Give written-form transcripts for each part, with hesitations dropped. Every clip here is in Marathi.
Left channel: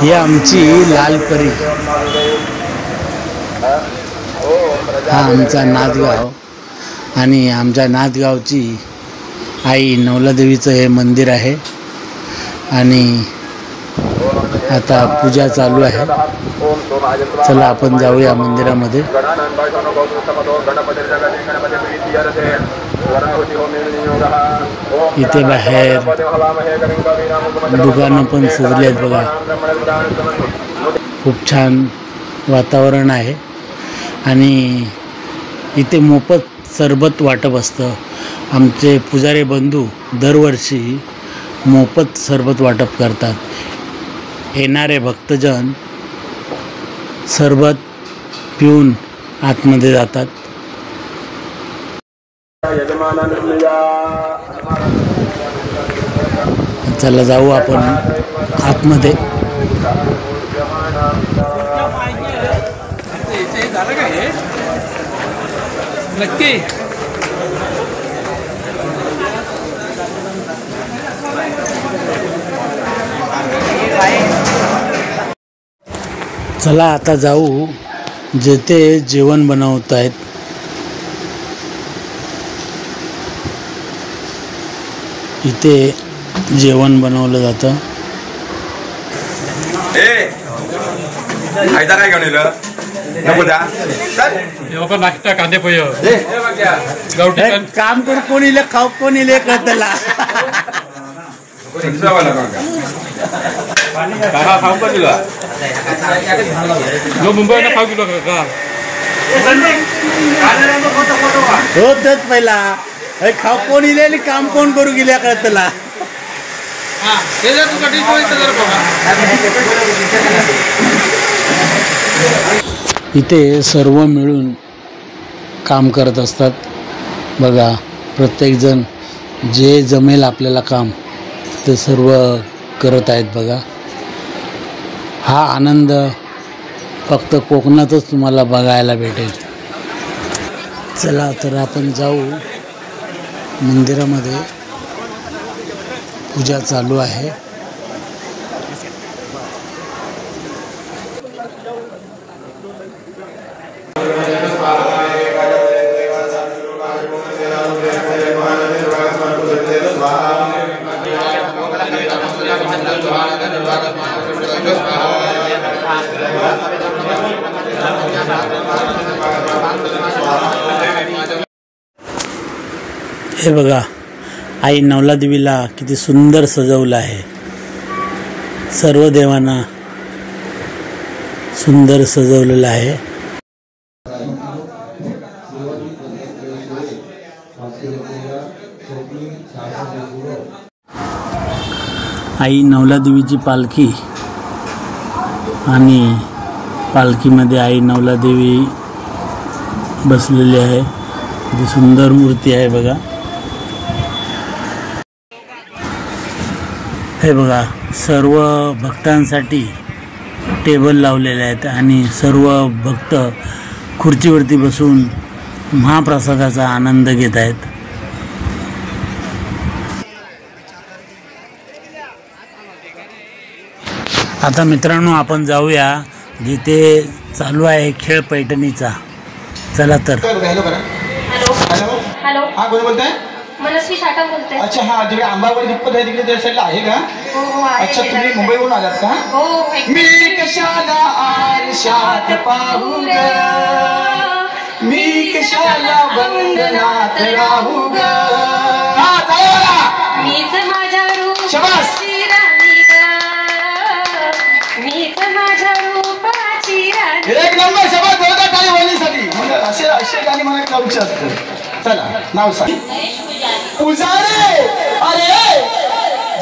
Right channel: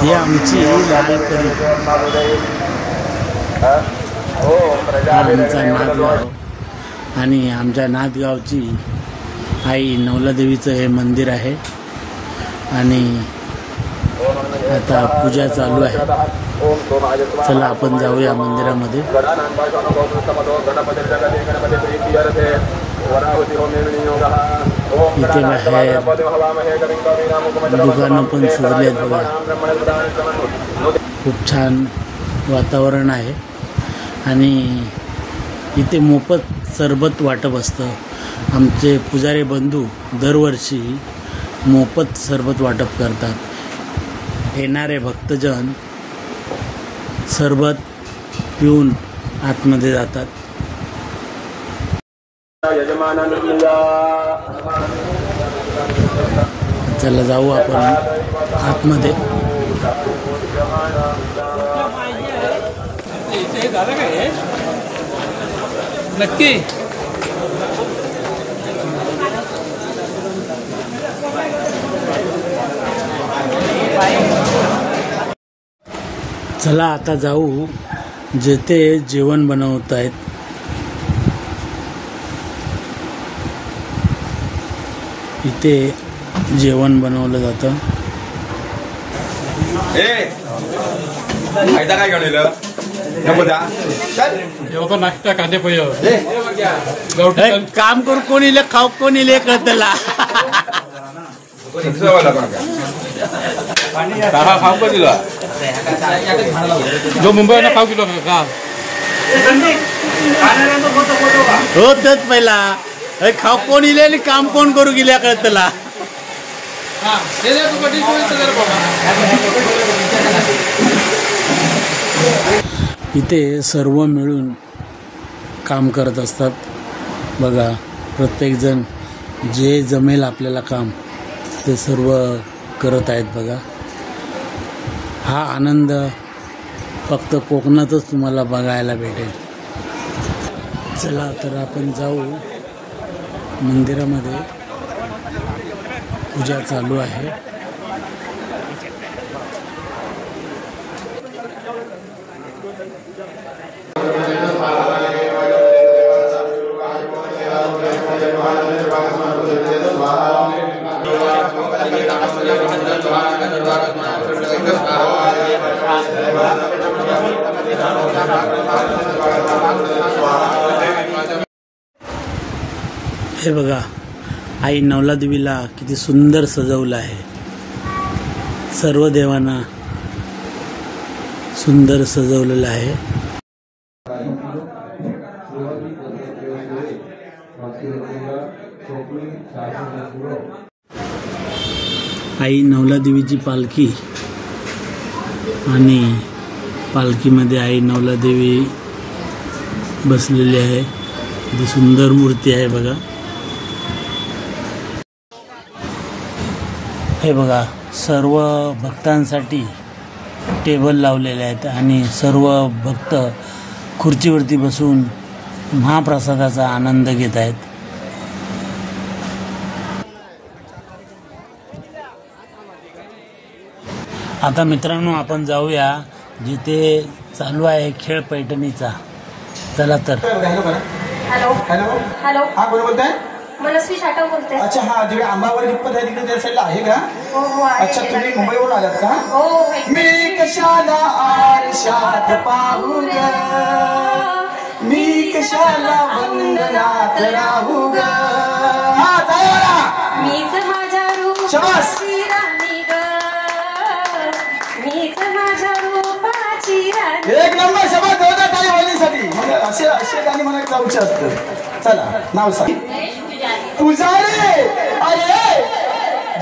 ही आमची लालपरी, हा आमचा नाथगाव आणि आमच्या नाथगावची आई नवलादेवीचं हे मंदिर आहे आणि आता पूजा चालू आहे। चला आपण जाऊया मंदिरामध्ये। इथे बाहेर दुकानं पण सजली आहेत बघा, खूप छान वातावरण आहे आणि इथे मोफत सरबत वाटप असतं। आमचे पुजारी बंधू दरवर्षी मोफत सरबत वाटप करतात। येणारे भक्तजन सरबत पिऊन आतमध्ये जातात। चला जाऊ आपण आतमध्ये। चला आता जाऊ जेथे जेवण बनवत आहेत। इथे जेवण बनवलं जातं। फायदा काय घेऊन नाश्ता कांदे पोहे काम करू कोणी खाऊ कोणी त्याला खाऊ का दिला जो मुंबईला खाऊ किलो का रोजच पहिला खाऊ कोण इले आणि काम कोण करू गेल्या का त्याला। इथे सर्व मिळून काम करत असतात बघा। प्रत्येकजण जे जमेल आपल्याला काम ते सर्व करत आहेत बघा। हा आनंद फक्त कोकणातच तुम्हाला बघायला भेटेल। चला तर आपण जाऊ मंदिरामध्ये, पूजा चालू आहे। हे बघा आई नवलादेवीला किती सुंदर सजवलं आहे। सर्व देवांना सुंदर सजवलेलं आहे। आई नवलादेवीची पालखी आणि पालखीमध्ये आई नवलादेवी बसलेली आहे। किती सुंदर मूर्ती आहे बघा। हे बघा सर्व भक्तांसाठी टेबल लावलेले आहेत आणि सर्व भक्त खुर्चीवरती बसून महाप्रसादाचा आनंद घेत आहेत। आता मित्रांनो आपण जाऊया जिथे चालू आहे खेळ पैठणीचा। चला तर। हॅलो हॅलो हा कोण बोलताय? मनस्वी साठव बोलते। अच्छा हा जिकडे आंबाबाई दिप्पत आहे तिकडे त्या साईडला आहे का? हो अच्छा तुम्ही मुंबईवरून आलात का? हो मी कशाला आरशात पाहू ग, मी कशाला बंधनात राहू ग। हा चालेल मीच माझ्या रूपाची राणी ग, मीच माझ्या रूपाची राणी। एक नंबर सभा जोरदार टाळी वाजवण्यासाठी असे असे गाणी मला गाऊचे असतात। चला नाव सांग। पुजारी अरे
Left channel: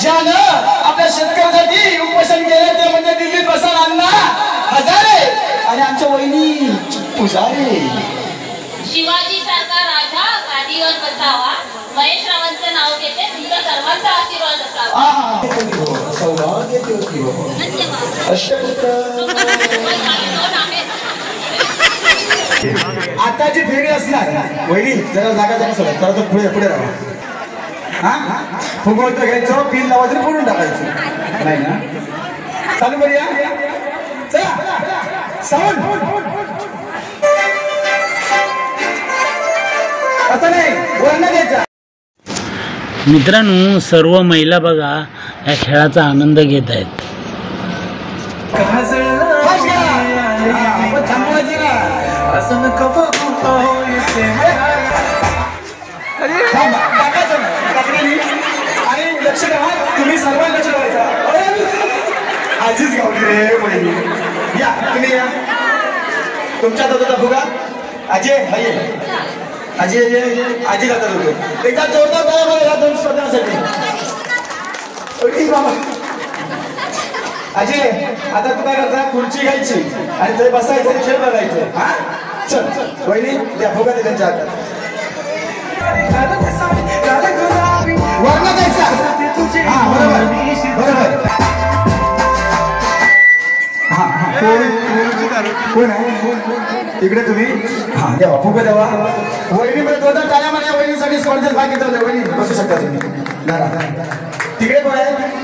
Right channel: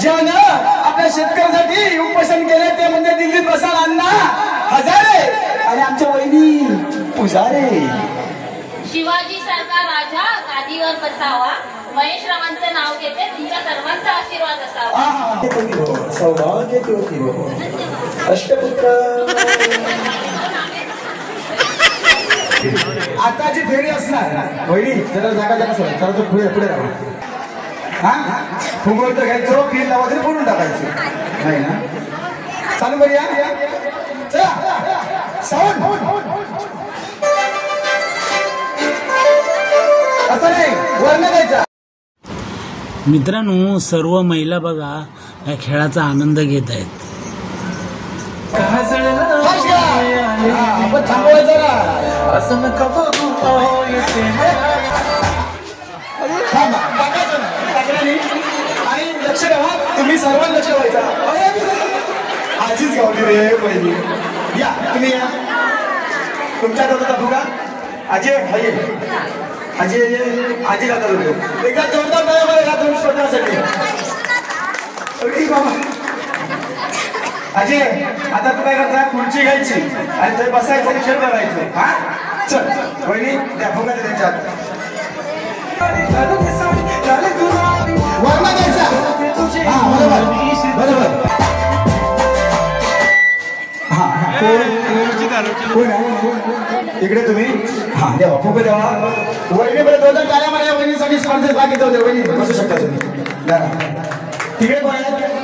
ज्यानं आपल्या शेतकऱ्यांसाठी उपोषण केले ते म्हणजे दिल्लीत बसाल अण्णा हजारे आणि आमच्या वहिनी पुजारी। शिवाजी सारखा राजा गादीवर बसावा, महेश रावांचं नाव घेते, तुमच्या सर्वांचा आशीर्वाद असावा। सौभाग्य ज्योती हो अष्टपुत्र। आता जी फेरी असणार वहिनी जरा जागा सोडा, जरा तो पुढे पुढे राहा। हा फुगवतो घ्यायचं, पिन लावायचं, फोडून टाकायचं नाही ना। चालू करूया चला साऊंड असं नाही वर्ण घ्यायचा. मित्रांनो सर्व महिला बघा या खेळाचा आनंद घेत आहेत. आणि लक्ष ठेवा तुम्ही सर्वांना लक्ष ठेवायचा. आजीच गावली रे पहिली. या तुम्ही या तुमच्या दादा बघा अजय हये अजय आजी जातात होते एकदा जोरदार बाया मला या दोन स्पर्धांसाठी. बाबा अजय आता तू काय करता खुर्ची घ्यायची आणि ते बसायचं आणि खेळ बघायचं. हा चल वहिनी द्या भोगा दे त्यांच्या हातात. वर्ण द्यायचा. हा बरोबर बरोबर. इकडे तुम्ही हा द्यावा फुगे द्यावा. वहिनी बरं दोन टाळ्या मला वहिनीसाठी स्पॉन्सर बाकी जाऊ द्या. वहिनी बसू शकता तुम्ही जरा तिकडे पण आहे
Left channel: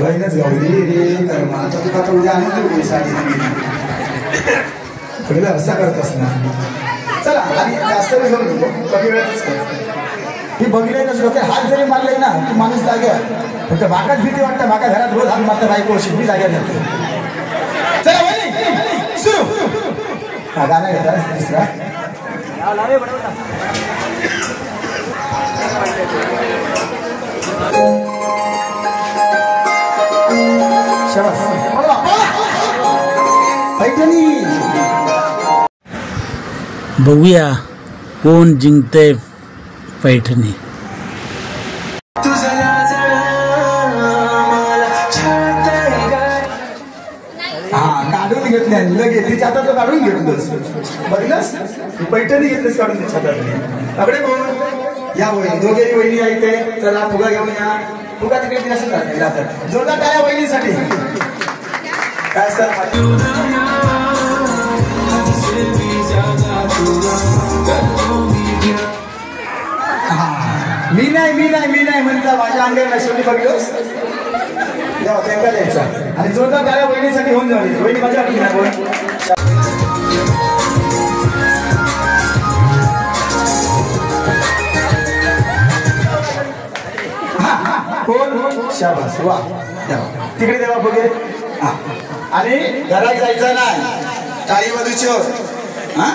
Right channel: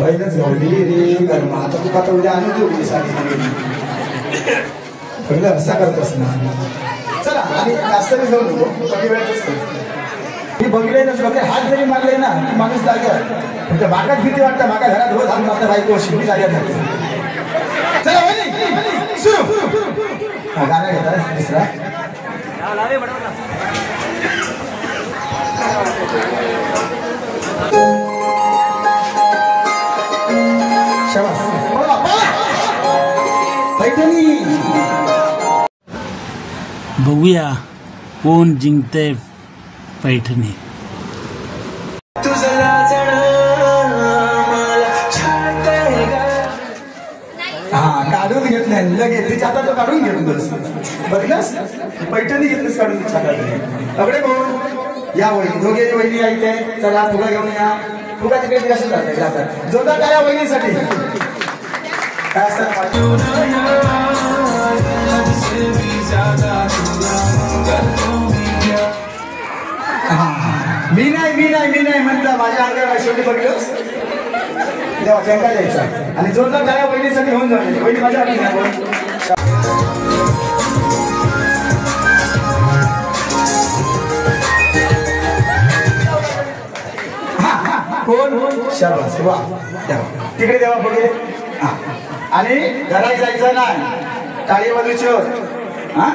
बहिणच गावली कारण आता तू आता उद्या आणून देऊ पहिला रस्ता करत असणार. चला आणि जास्त वेळ जाऊ नको कमी वेळातच कर. मी बघले ना लोक हात जरी मारले ना की माणूस जागा फक्त मागाच भीती वाटतं. मागा घरात रोज हात मारता बायको शिकली जाग्यात जाते. चला वहिनी सुरू. हा गाणं घेता दुसरा. शाबास पैठणी. बघूया कोण जिंकतंय पैठणी. काढून घेतल्या लगेच तिच्या हातात काढून घेऊन बघलंस पैठणी घेतलीस काढून तिच्या हातात. अकडे या वहिनी दोघे वहिनी आहे ते. चला फुगा घेऊन या. फुगा तिकडे असं जातात. जोरदार टाळ्या वहिनीसाठी. काय असतात मी नाही म्हणता माझ्या अंगाला शेवटी बघतोस तेव्हा त्यांना द्यायचा. आणि जोरदार टाळ्या वहिनीसाठी होऊन जाईल. वहिनी माझ्या वाटली ना बोल. कोण शाबास वा द्यावा तिकडे द्यावा बघे. हा आणि घरात जायचा नाही टाळी वाजूच. हा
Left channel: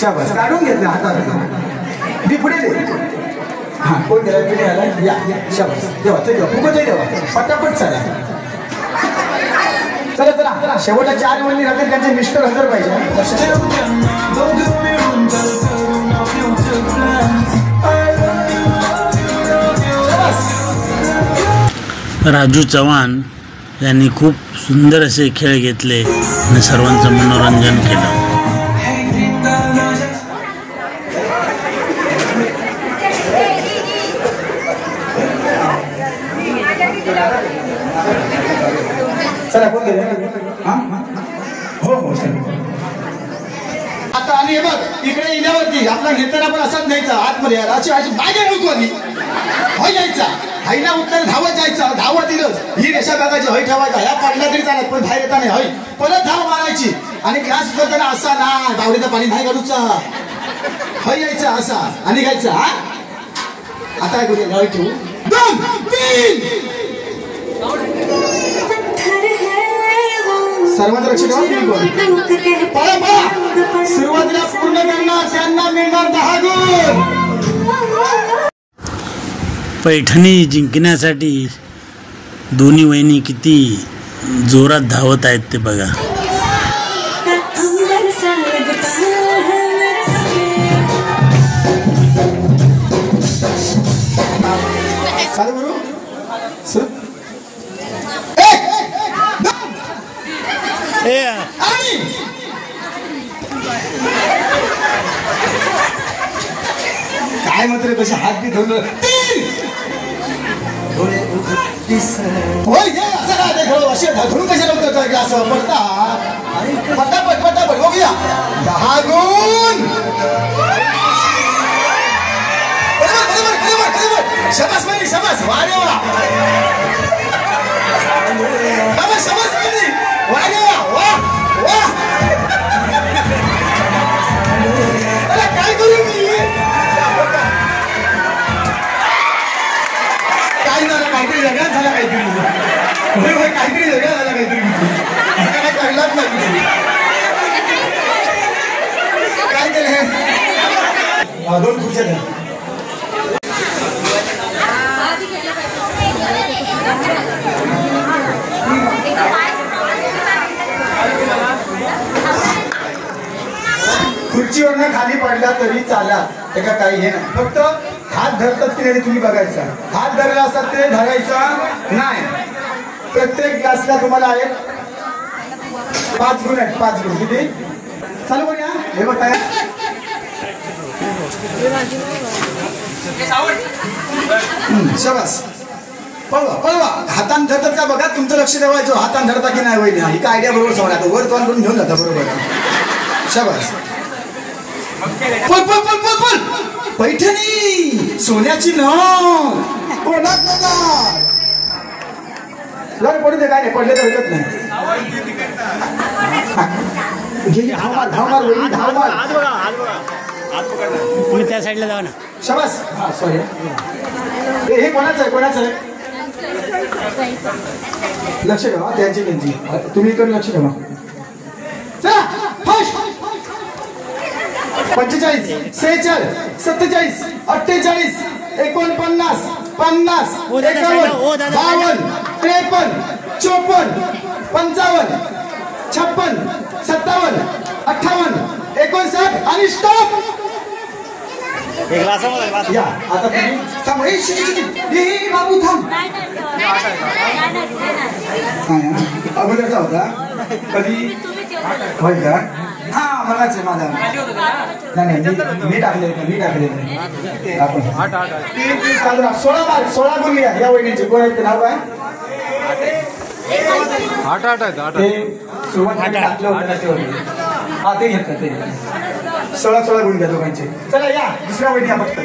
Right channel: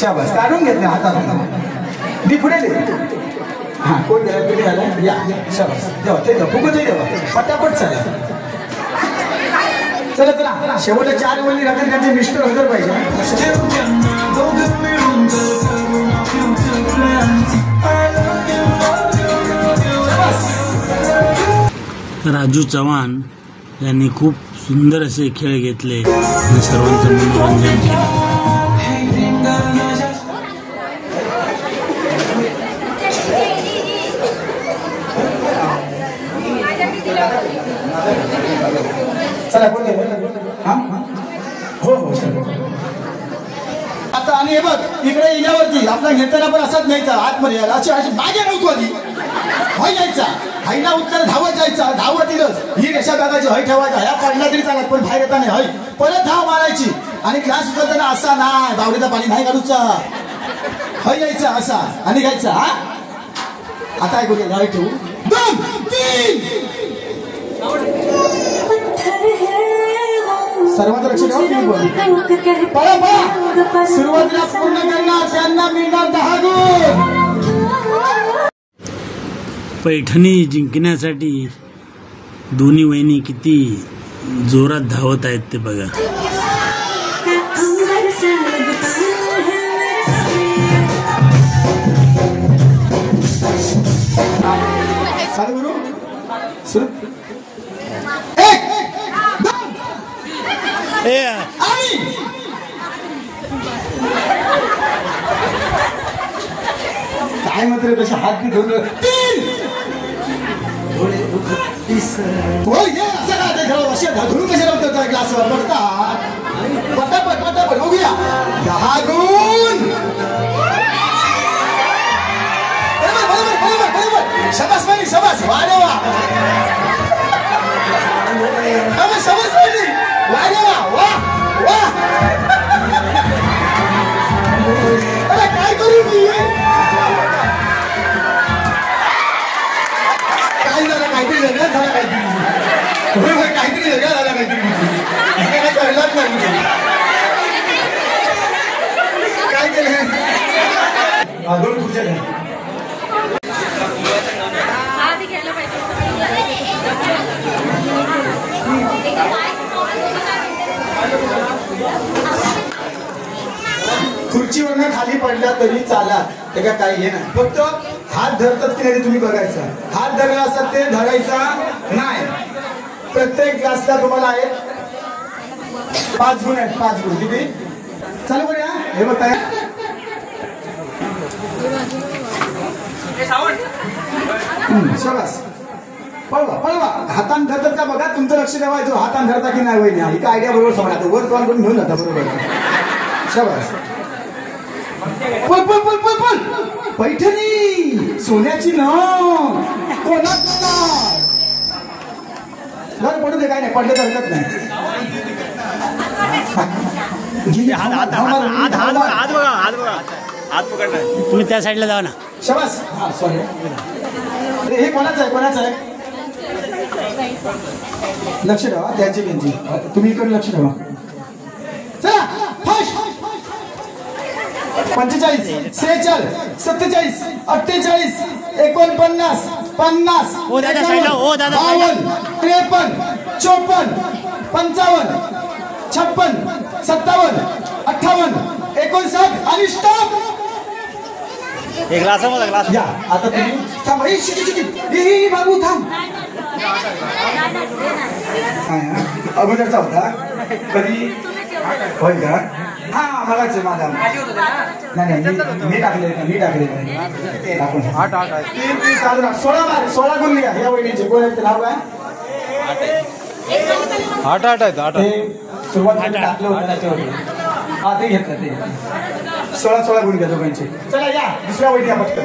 शाबास काढून घेतलं हातात. मी पुढे हा कोण गेला तुम्ही आला या शाबास देवा ते देवा फुगतही देवा पटापट चला. चला चला शेवटच्या 4 वहिनी रात्री त्यांचे मिस्टर हजर पाहिजे. राजू चव्हाण यांनी खूप सुंदर असे खेळ घेतले आणि सर्वांचं मनोरंजन केलं. चला कोण गेले. हो हो आता आणि हे बघ इकडे येण्यावरती आपला घेताना पण असंच न्यायचा आतमध्ये अशी अशी मागे नव्हतो आधी हय यायचा. हायना उत्तर धावत जायचा. धावत येईलच ही रेषा बघायची हय ठेवायचा. ह्या पडला तरी चालत पण बाहेर येताना हय परत धाव मारायची. आणि ग्लास उचलताना असा नाही बावडीचा पाणी नाही काढूचा हय यायचा असा आणि घ्यायचा. हा आता काय करूया गावी ठेवू 2 3 सर्वांचं लक्ष ठेवा. सुरुवातीला पूर्ण करणार त्यांना मिळणार 10 गुण. पैठणी जिंकण्यासाठी दोन्ही वहिनी किती जोरात धावत आहेत ते बघा. चालू करू सुरू. काय मात्र कसे हात बी धरून 3 होय असं काय खेळ असे धरून कशाला होतं काय ग्लास पडता पटापट पटापट बघूया 10 गुण. समज नाही वा रे वा वा वा अरे काय करू मी काय झालं काहीतरी वेगळाच झाला काहीतरी काहीतरी वेगळा झाला काहीतरी काही कळलाच नाही काय केलं 2 खुर्च्या द्या खुर्चीवरनं खाली पडला तरी चाला त्याला काही हे नाही फक्त हात धरतात की नाही तुम्ही बघायचा हात धरला असता ते धरायचा नाही प्रत्येक ग्लासला तुम्हाला आहेत 5 गुण आहेत 5 गुण किती चालू करूया हे बघ शाबास पळवा पळवा हातान धरतात का बघा तुमचं लक्ष ठेवायचं हातान धरता की नाही वहिनी ही काय आयडिया बरोबर सांगा वर तोल करून घेऊन जाता बरोबर शाबास पळ पळ पळ पळ पळ पैठणी सोन्याची न कोणा कोणा पडू दे काय नाही पडले तर हरकत नाही तुम्ही त्या साईडला जावा ना शाबास हा सॉरी हे कोणाचं आहे कोणाचं आहे लक्ष ठेवा त्यांची त्यांची तुम्ही इकडे लक्ष ठेवा चला फास्ट 45 46 47 48 49 50 51 52 53 54 55 56 57 58 59 आणि स्टॉप या आता तुम्ही थांब हे बाबू थांब अगोदरचा होता कधी होय का हा मलाच आहे माझा नाही मी टाकले टाकून 16 गुण लिहा या वहिनीचे कोण आहेत नाव काय 8 सुरुवातीला टाकलं होतं त्याच्यावर हा ते घेतलं ते 16 गुण घ्या दोघांचे चला या दुसऱ्या वहिनी फक्त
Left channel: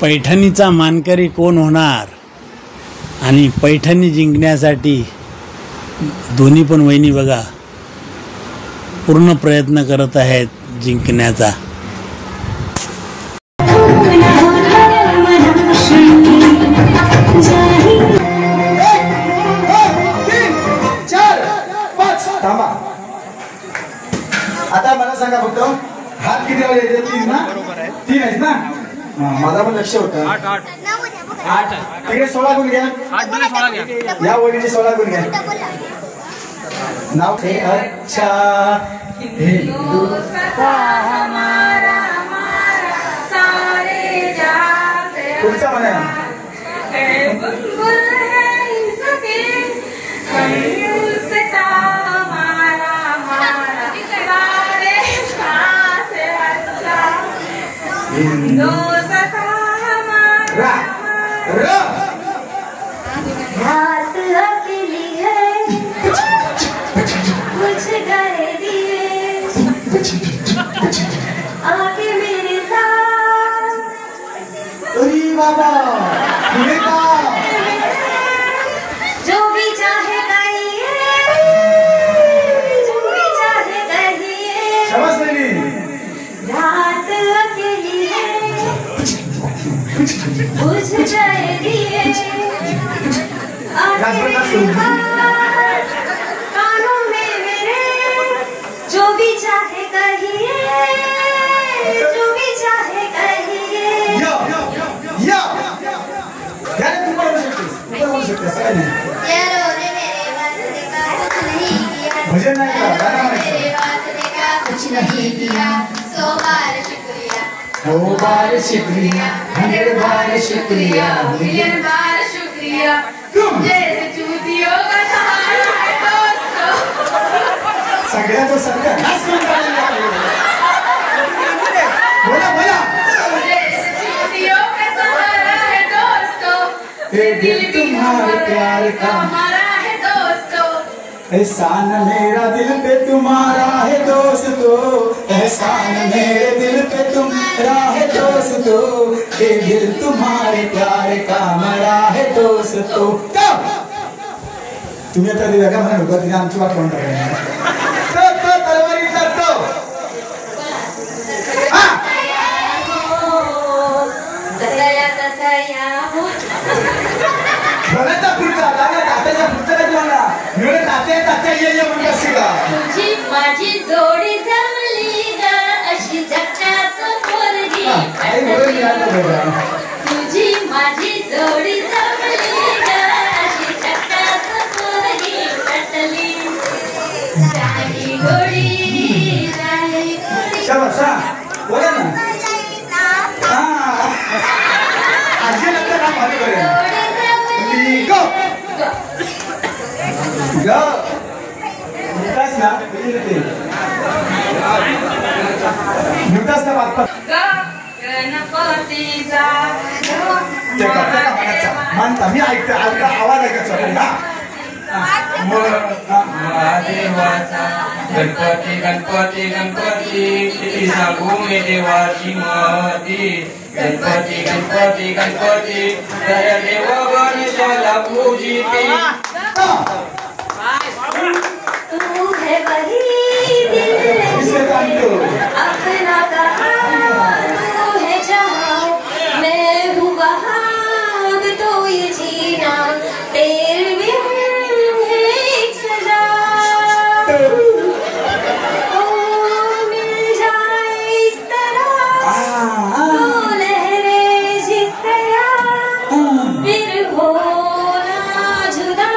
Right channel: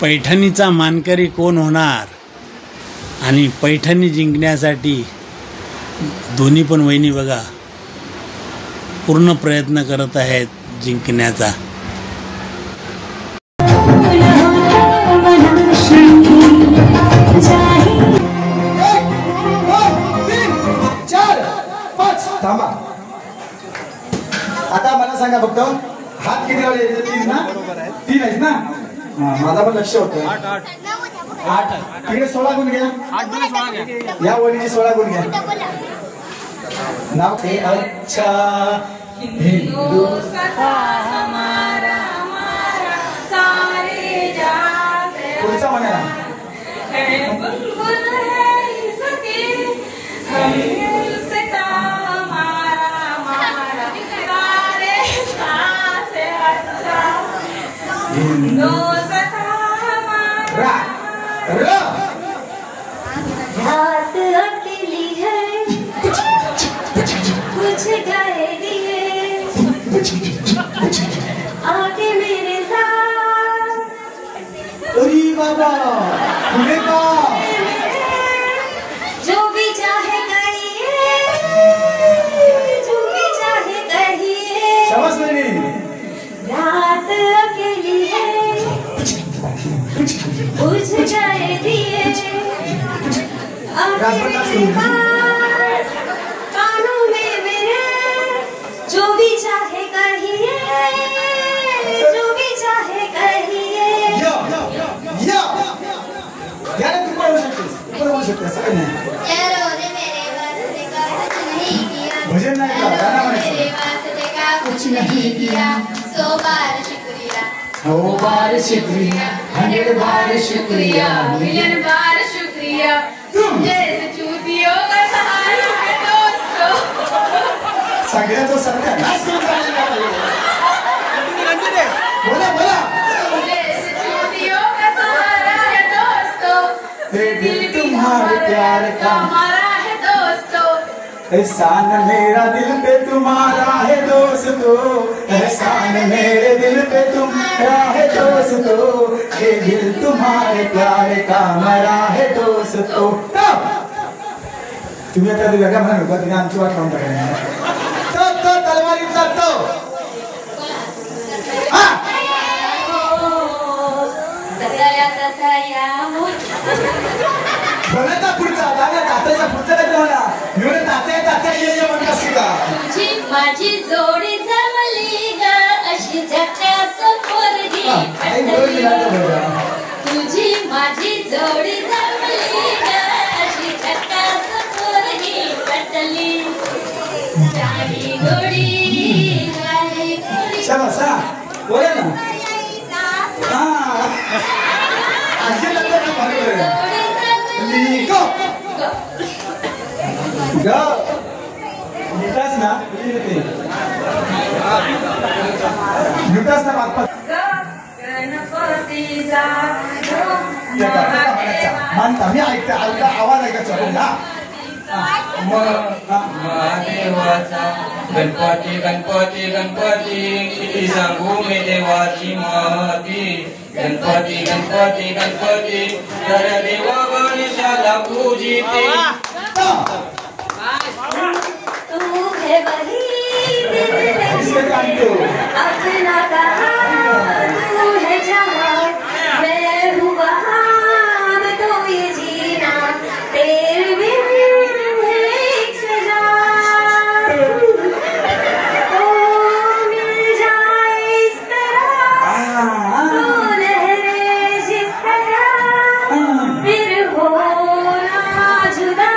पैठणीचा मानकरी कोण होणार आणि पैठणी जिंकण्यासाठी दोन्ही पण वहिनी बघा पूर्ण प्रयत्न करत आहेत जिंकण्याचा आता मला सांगा फक्त हात किती वेळ येते 3 ना 3 आहेत ना माझा पण लक्ष होतं 8 तिकडे 16 गुण घ्या 8 16 घ्या या वडीचे 16 गुण घ्या नाव ते अच्छा पुढचा म्हणा बात अकेली है मुझे गए दिए आगे मेरे साथ अरे बाबा पुढे का जो भी चाहे कहिए जो भी चाहे कहिए शाबाश वहिनी रात अकेली है मुझे गए दिए कानों में मेरे जो भी चाहे कहिए जो भी चाहे कहिए या यार तू पण होऊ शकतेस काय नाही यारो ने मेरे वास्ते का कुछ नहीं किया भजन नाही का गाणं म्हणायचं मेरे वास्ते का कुछ नहीं किया 100 बार शुक्रिया 100 बार शुक्रिया 100 बार शुक्रिया मिलियन बार शुक्रिया तुम जैसे चूतियों का सहारा है दोस्तों सगळ्याचं सगळ्या नाच करून काढलेला आहे. बोला बोला जैसे चूतियों का सहारा है दोस्तों ये दिल तुम्हारे प्यार का हमारा है दोस्तों एहसान मेरा दिल पे तुम्हारा है दोस्तों, एहसान मेरे दिल पे तुम्हारा है दोस्तों, ये दिल तुम्हारे प्यार का मरा है दोस्तों. तुम्ही आता दिव्या काय म्हणा होता तिने आमची वाट लावून टाकली. तो तलवारीतला तो घराचा पुढचा दादा तात्याच्या पुढचा काय झाला मिळून तात्या ये म्हणतात का तुझी माझी जोडी जमली ग अशी झकास पोरगी आई म्हणून मिळालं बघा. तुझी माझी जोडी जमली ग अशी झकास पोरगी पटली गाडी गोडी शाबास हा बोला ना. हा आजी लागतं ना भारी बरं गो गो नुकताच ना नुकताच ना बाप्पा गणपतीचा मानता मी ऐकता आवाज ऐकायचा महादेवाचा गणपती गणपती गणपती किती सांगू मी देवाची महती. गणपती गणपती गणपती खऱ्या देवा गणेशाला पूजिती. तू है वही अपना कहा तू है जहाँ मैं हूँ वहाँ तो ये जीना तेरे बिन है एक सजा. तो मिल जाए इस तरह तो लहरे जिस तरह फिर हो ना जुदा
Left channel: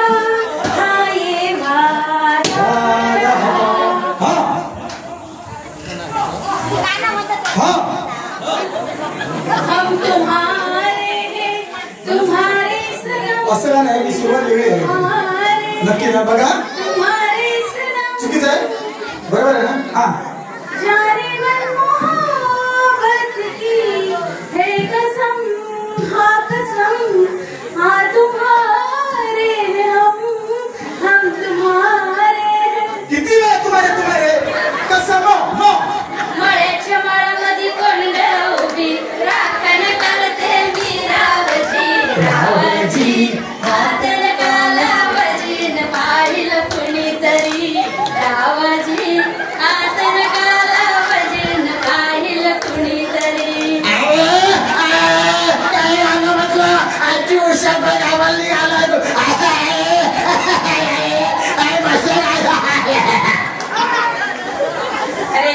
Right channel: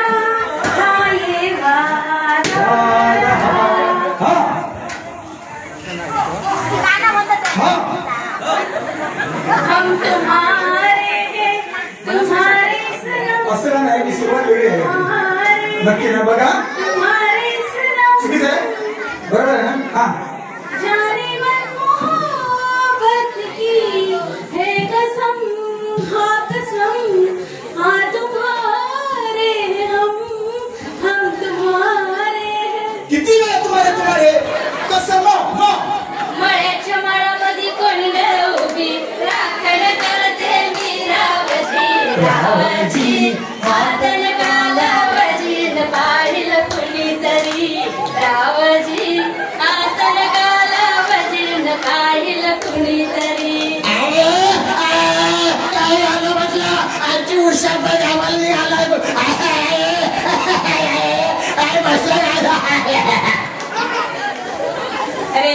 हाँ ये वादा. हम तुम्हारे हैं तुम्हारे सनम असं नाही की सुरुवात वेगळी आहे तुम्हारे नक्की ना बघा तुम्हारे सनम चुकीचं आहे बरोबर आहे ना हा जाने मन मोहब्बत की है कसम हाँ कसम हाँ तुम्हारे हैं हम तुम्हारे हैं. किती वेळा तुम्हारे कसं मग मळ्याच्या माळामध्ये कोंड उभी राखण करते मी रावजी हातन कालावजी पाहिल कुणीतरी रावजी हातन कालावजी पाहिल कुणीतरी.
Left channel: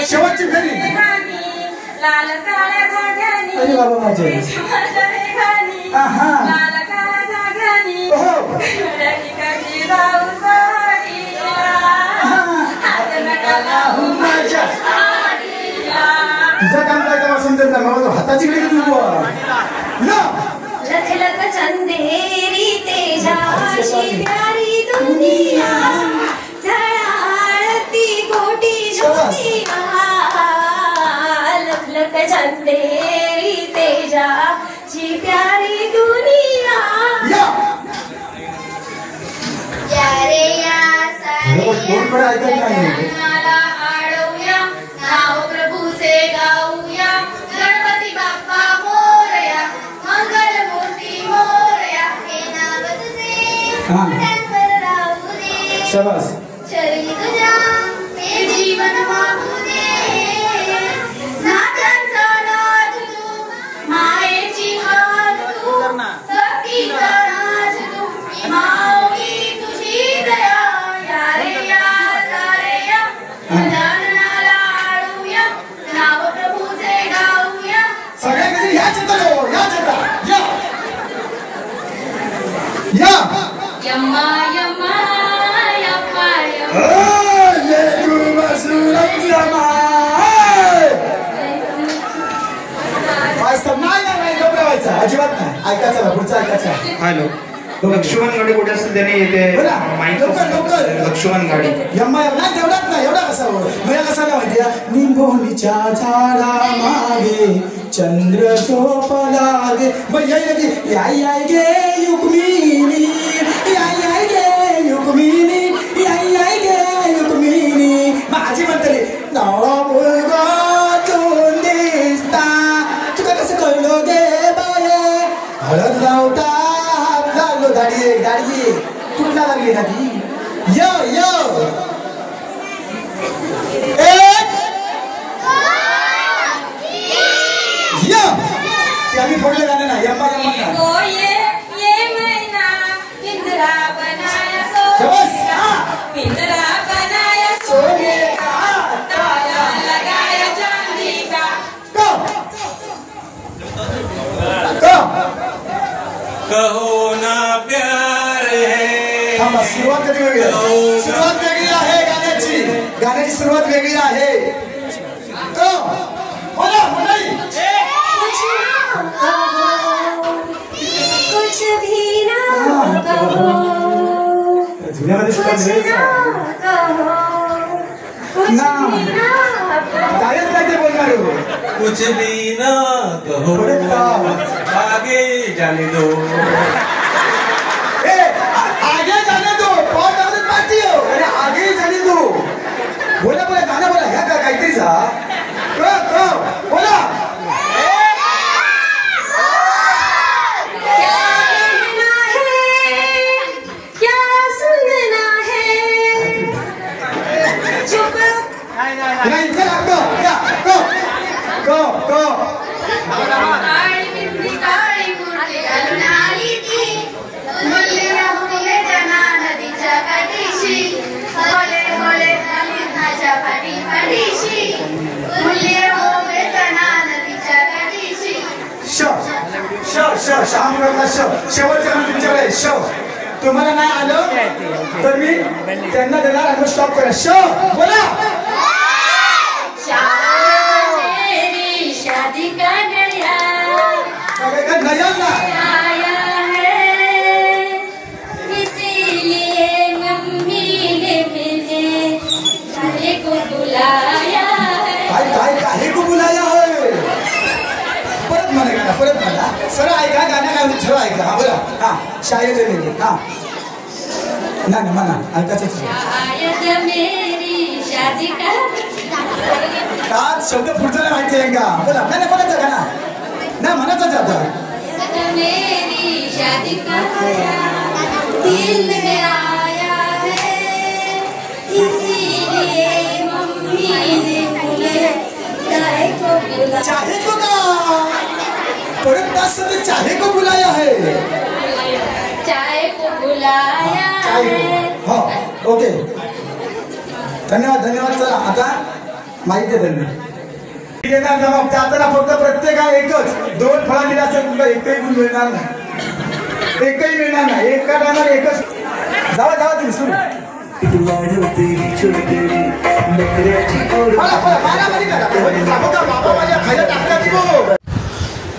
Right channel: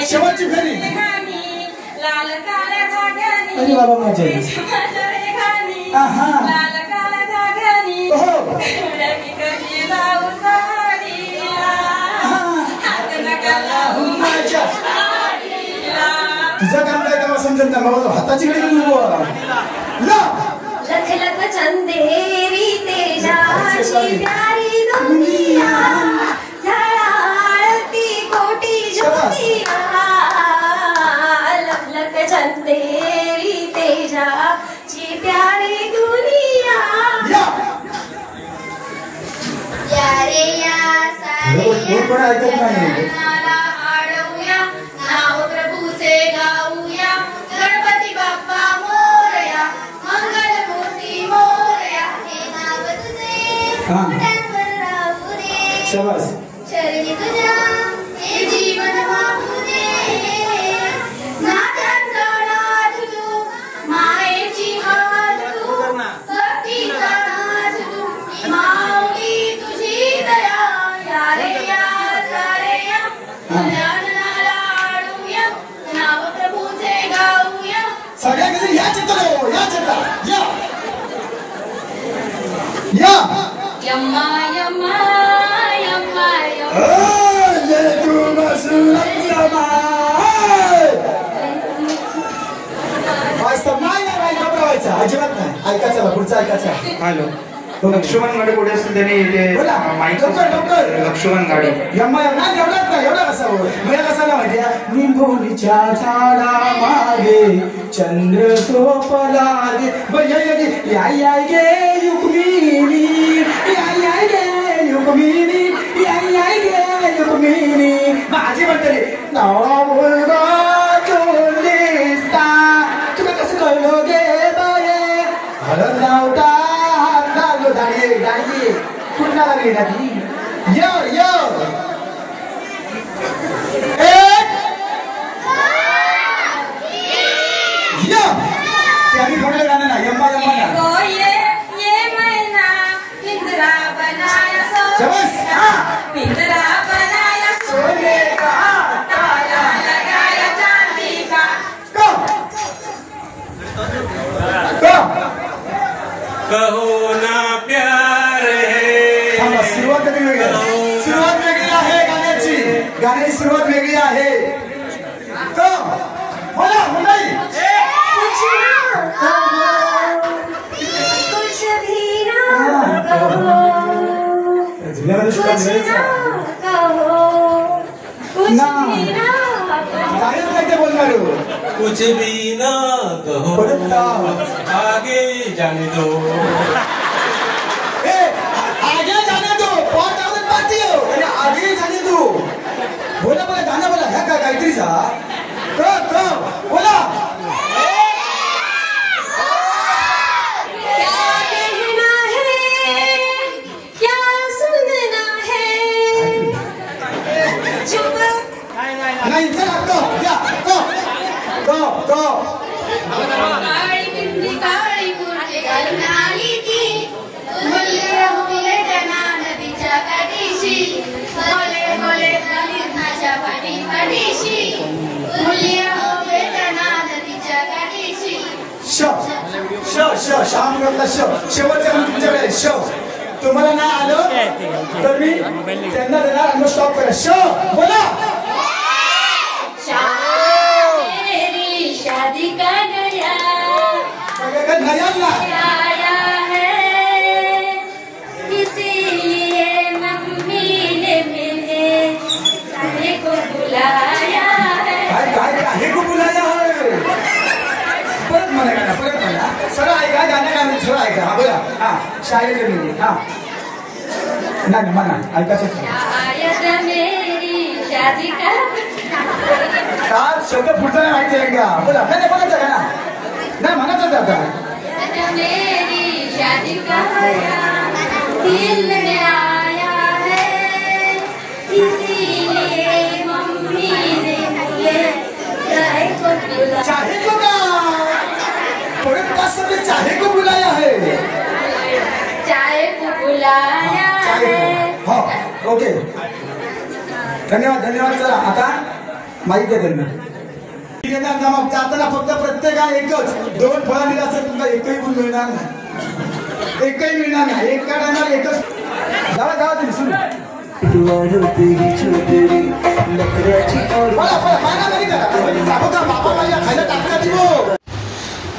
शेवटची फेरी लाल काळ्या जागानी अरे बाबा माझे आहा. लाल काळ्या जागानी हो कधी जाऊ साडीला हातन कालावजी माझ्या तुझं काम काय तेव्हा समजत नाही मला हाताची कडे लख लख चंदेरी तेजाची प्यारी दुनिया झळाळती कोटी ज्योतिया. लख लख चंदेरी तेजाची प्यारी दुनिया. या रे या सारे कोण ऐकत नाही आडवूया नाव प्रभूचे गाऊया गणपती बाप्पा मोरया मंगल मूर्ती मोरया हे नाव तुझे हा. मोठ्यांवर राहू दे शाबास शरीर तुझ्या हे जीवन वाहू दे. नाथांचा नाथ तू मायेची हात तू भक्तीचा नाथ तू माऊली तुझी दया. या रे या सारे या गजाननाला आडूया नाव प्रभूचे गाऊया. सगळ्यांकडे या चित्तलो या चित्ता या यम्मा यम्मा यम्मा यम्मा ये तू मसूरत समाय वास्तव नाही घबरावायचं अजिबात नाही ऐकायचं ना पुढचं ऐकायचं. हॅलो लक्ष्मण गाडी कुठे असेल त्याने येते बोला. माहिती लवकर, लवकर. लक्ष्मण गाडी यम्मा नाही एवढाच नाही एवढा कसा हो मला कसा ना माहितीये निंबोनीच्या झाडा मागे चंद्र झोपला गे या गे युक्मिनी या गे युक्मिनी या मुलगा चोन दिसता तुका कसं कळलं गे बाये हळद लावता हात लागलो दाढी कुठला लागली दाढी य य त्याने बोललं गाणं ना यम्मा ना ये मैना पिंजरा बनाया पिंजरा बनाया सोने का ताला लगाया चांदी का कहो ना प्यार है सुरुवात वेगळी आहे गाण्याची सुरुवात वेगळी आहे कुछ भी ना कहो कायच काय ते बोलणार कुछ भी ना कहो आगे जाने दो आगे जाने दो बहुत आदत पाती हो आणि आगे जाने दो बोला गाणं बोला ह्या का काहीतरीचा बोला नहीं चला go काळी बिंदी काळी गुरली घालून आली ती मुल्ली मुले नदीच्या काठीशी होले होले झाली माझ्या पाठीशी मुल्ली मुले नदीच्या काठीशी श्याम रोडला शेवटच्या तुमच्याकडे तुम्हाला नाही आलं तर मी त्यांना देणार आणि स्टॉप करा बोला शादी का नया आया है इसीलिए मम्मी ने मुझे शादी को बुलाया है काहे को बुलाया है परत म्हणा सरळ ऐका गाणं सरळ ऐका हा बोला हा शायद मेरी हा नाही म्हणा ऐकायचं शायद मेरी शादी का आज शब्द पुढचा नाही माहिती आहे का बोला नाही म्हणायचं का ना नाही म्हणायचं आता मेरी शादी का दिल में आया है इसीलिए मम्मी ने मुझे चाहे को बुलाया चाहे को का परत तास ते चाहे को बुलाया है चाहे को बुलाया है हो ओके धन्यवाद चला आता माहिती आहे त्यांना जाताना फक्त प्रत्येका एकच 2 फळं दिला असं तुमचा एकही गुण मिळणार नाही एका टायमाला एकच जावा तुम्ही सुरू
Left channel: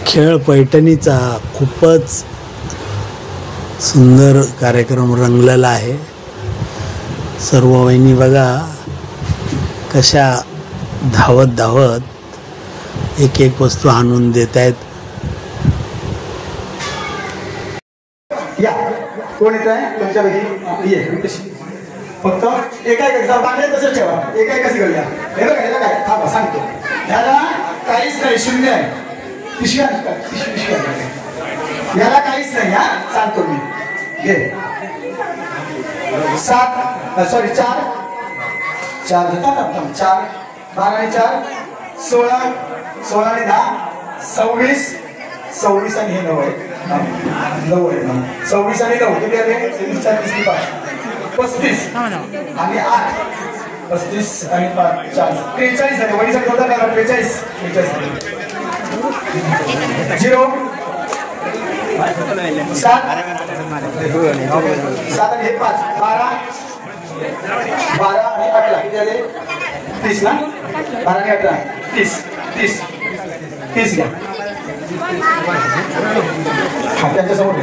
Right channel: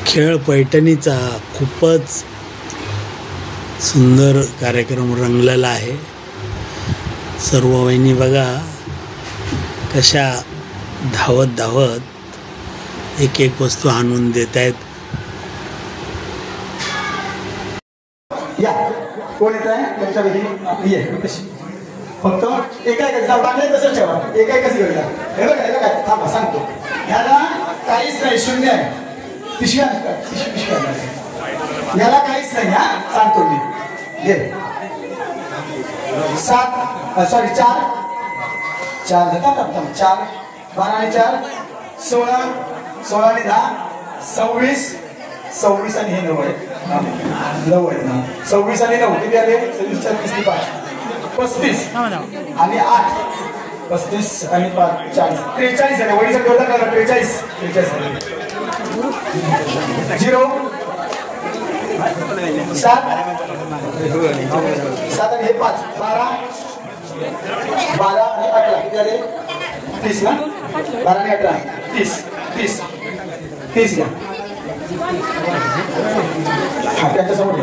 खेळ पैठणीचा खूपच सुंदर कार्यक्रम रंगलेला आहे. सर्व वहिनी बघा कशा धावत एक वस्तू आणून देत आहेत. या कोण येत आहे तुमच्यापैकी ये फक्त एका बांधले तसंच ठेवा कसं घेऊया हे बघा याला काय थांबा सांगतो याला काहीच नाही शून्य आहे पिशव्या याला काहीच नाही हा सांगतो मी घे 4 4 12 आणि 4 16 16 आणि 10 26 आणि हे 9 आहे 26 आणि 9 किती आले 26 4 35 आणि 8 35 आणि 5 40 43 झाले वडील करता का 43 0 7 आणि हे 5 12 आणि 18 किती झाले 30 ना 12 आणि 18 30 घ्या त्यांच्यासमोर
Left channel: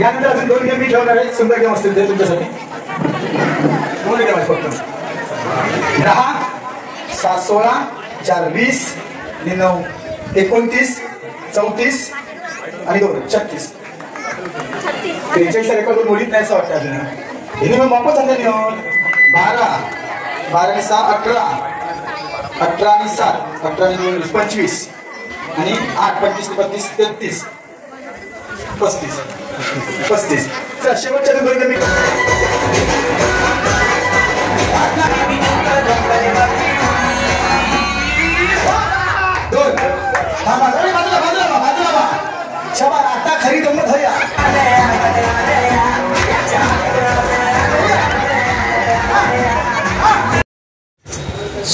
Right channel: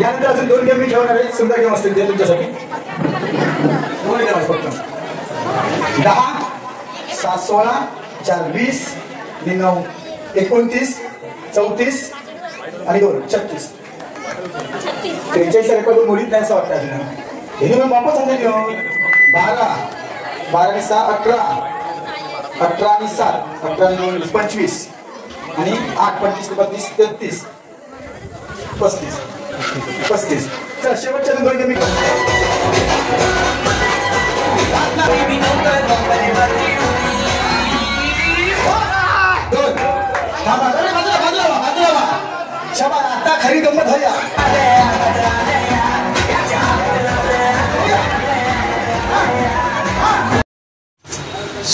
यानंतर अजून 2 गेम मी ठेवणार आहे सुंदर गेम असतील ते तुमच्यासाठी फक्त 10 7 16 4 20 9 29 34 आणि 2 36 43 रेकॉर्ड मुलीत नाही असं वाटतं अजून हे मग वापस आणले 12 आणि 6 18 18 आणि 7 18 आणि 2 25 आणि 8 25 32 33 35 चल शेवटच्या दोन कमी दोन थांबा बाजूला शाबास आता खरी गंमत होया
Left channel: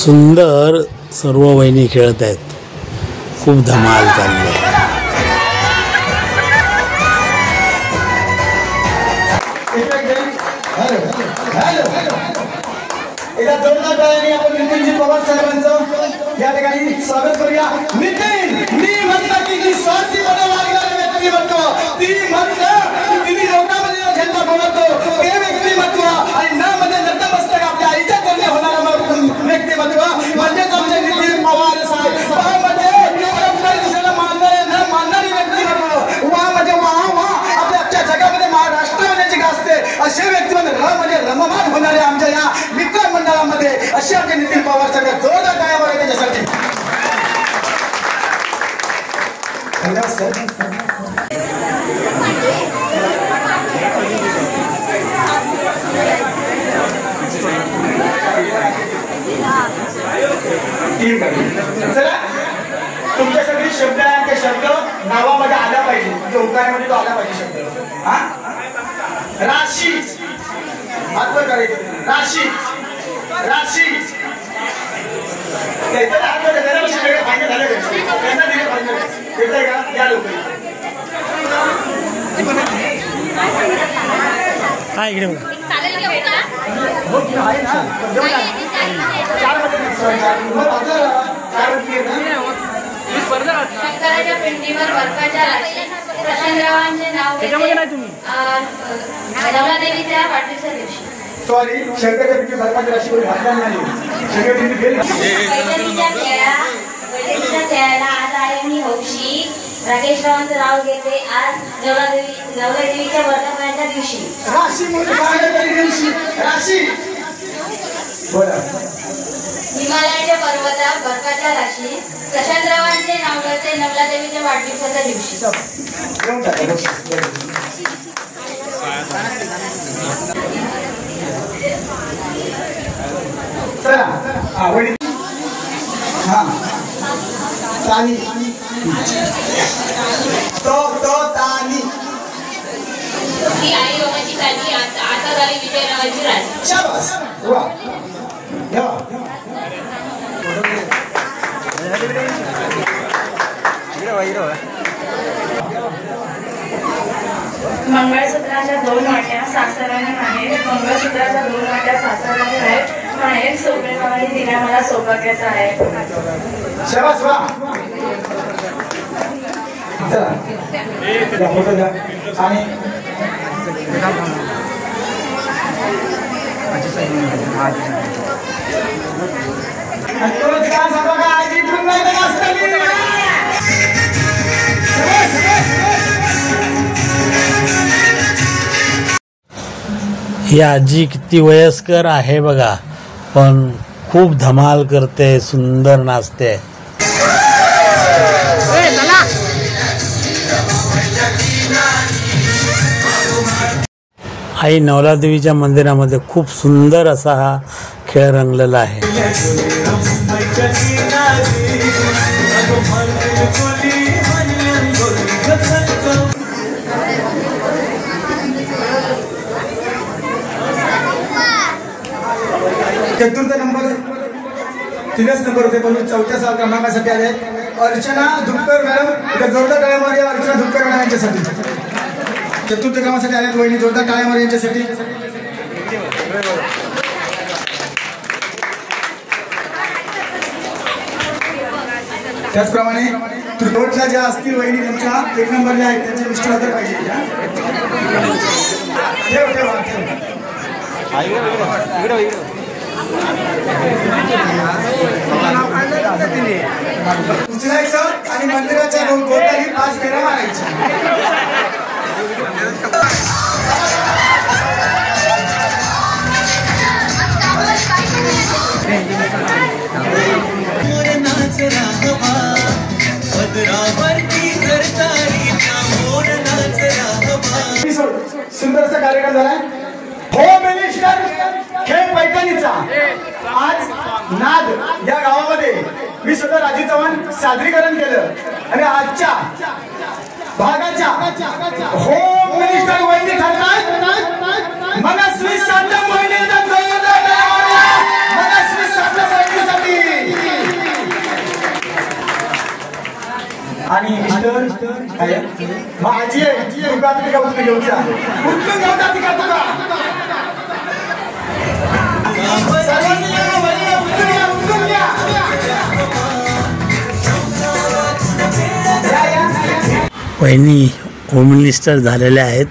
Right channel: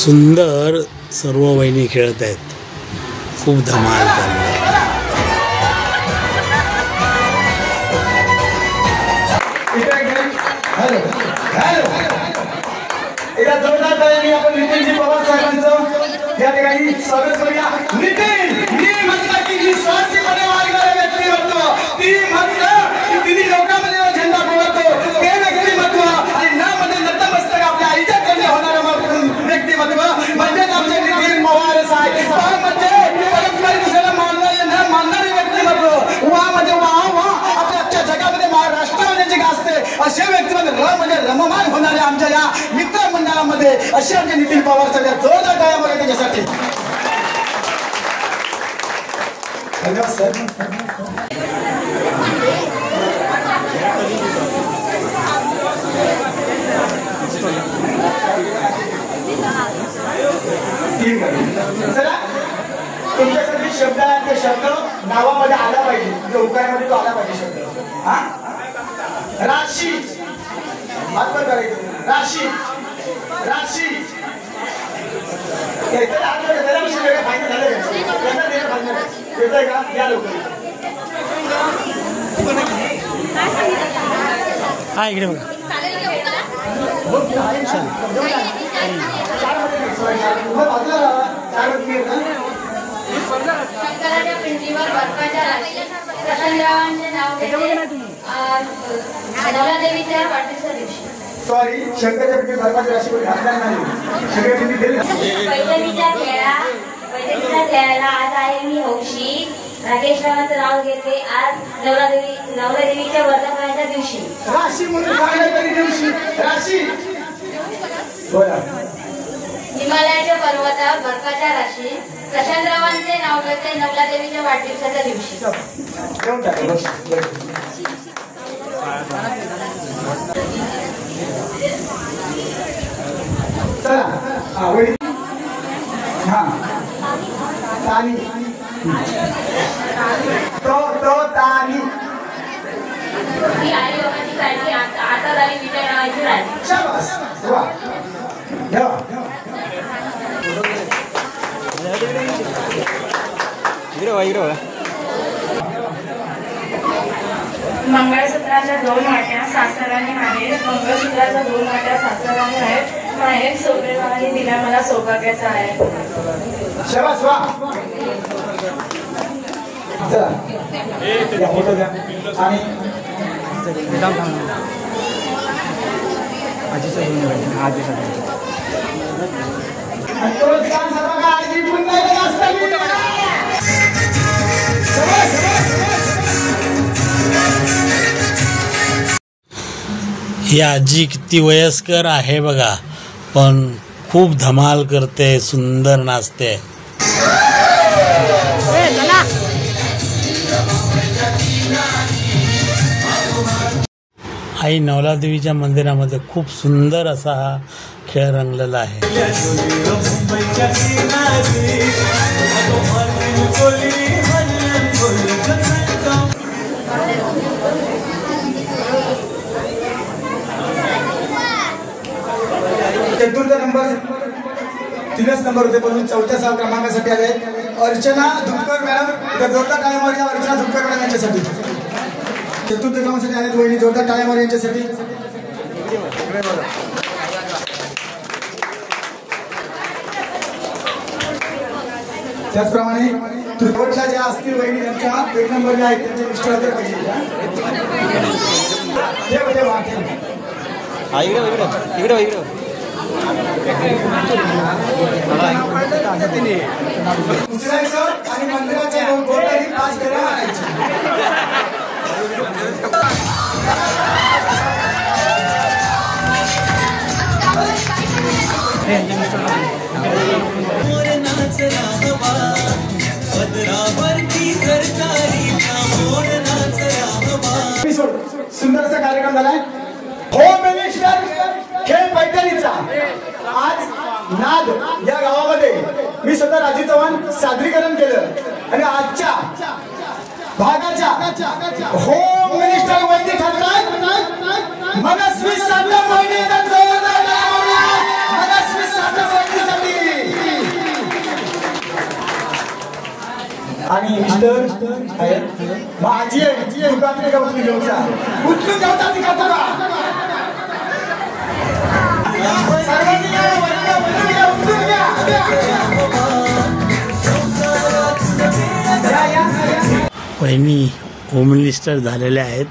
सुंदर सर्व वहिनी खेळत आहेत. खूप धमाल चालली आहे. एकदा जोरदार टाळ्यांनी आपण नितीनजी पवार साहेबांचं या ठिकाणी स्वागत करूया. नितीन मी म्हणतो की स्वार्थीपणे वागणारे व्यक्तिमत्व ती म्हटलं तिने लोकांमध्ये झेंडा फडकतो ते व्यक्तिमत्व आणि ना मध्ये नतमस्तक आपल्या आईच्या तोंडी होणारं व्यक्तिमत्व म्हणजेच आमचे नितीन पवार साहेब. म्हणजे परंपरेला मानणारे व्यक्तिमत्व वा म्हणजे वा आपल्या अख्ख्या जगामध्ये महाराष्ट्रामध्ये गाजते असे व्यक्तिमत्व म्हणजे रममान होणारे आमच्या या मित्रमंडळामध्ये अशा नितीन पवार साहेब जोरदार टाळ्या बघा त्याच्यासाठी. धन्यवाद सर. चला तुमच्यासाठी शब्द आहे ते शब्द नावामध्ये आला पाहिजे म्हणजे उकारामध्ये तो आला पाहिजे शब्द. हा राशी आत्मा करायचं राशी राशी हा इकडे शंकराच्या पिंडीवर बर्फाच्या प्रशांतरावांचे नाव घेते नवलादेवीच्या वाढदिवसा दिवशी. सॉरी शंकरच्या पिंडी बर्फाच्या राशी कोणी घातल्या नाही. बैठकीच्या खेळायला आज आहे मी हौशी राकेश रावांचं नाव घेते आज नवलादेवीच्या वर्धापनाच्या दिवशी. राशी म्हणून सांगण्याच्या दिवशी राशी बोला. हिमालयाच्या पर्वतात बर्फाच्या राशी प्रशांतरावांचे नाव घेते नवलादेवीच्या वाढदिवसाच्या दिवशी. चला आवडी हा तानी तो तानी ती आई लोकांची काळजी आता झाली विजयरावांची राणी. शाबास वा या मंगळसूत्राच्या 2 वाट्या सासराने माहेर मंगळसूत्राच्या 2 वाट्या सासराने आहेत माहेर सोबेबाई दिला मला सौभाग्याचा आहे. शाबास वा चला या फोटो घ्या आणि तोच काम सर्व का आजी पुन्हा एकदा असताना ही आजी किती वयस्कर आहे बघा पण खूप धमाल करते सुंदर नाचते. आई नवलादेवीच्या मंदिरामध्ये खूप सुंदर असा हा खेळ रंगलेला आहे. चतुर्थ नंबर 3च नंबर होते पण 4थ्या क्रमांकासाठी आले अर्चना धुपकर मॅडम. एकदा जोरदार टाळ्या मारूया अर्चना धुपकर मॅडम यांच्यासाठी. चतुर्थ क्रमांकासाठी आले महिनी जोरदार टाळ्या मारूया यांच्यासाठी. त्याचप्रमाणे त्रिकोटला ज्या असतील वहिनी त्यांच्या 1 नंबरला आहेत त्यांचे मिस्टर तर पाहिजे. उचलायचं आणि मंदिराच्या भोवताली 5 फेऱ्या मारायच्या. सुंदरसा कार्यक्रम झालाय. होम मिनिस्टर खेळ पैठणीचा आज नाद या गावामध्ये मी सध्या राजीव चव्हाण सादरीकरण केलं आणि आजच्या भागाच्या होम मिनिस्टर वैदिक ठरतात मनस्वी साधक वैदिक मनस्वी साधक वैदिकसाठी आणि मिस्टर माझी तुका तुका उचलून घेऊचा उचलून घेऊचा तिका तुका सर्वांनी उचलून घ्या. वहिनी होम मिनिस्टर झालेल्या आहेत.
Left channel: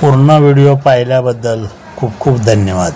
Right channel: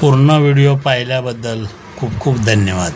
पूर्ण व्हिडिओ पाहिल्याबद्दल खूप खूप धन्यवाद.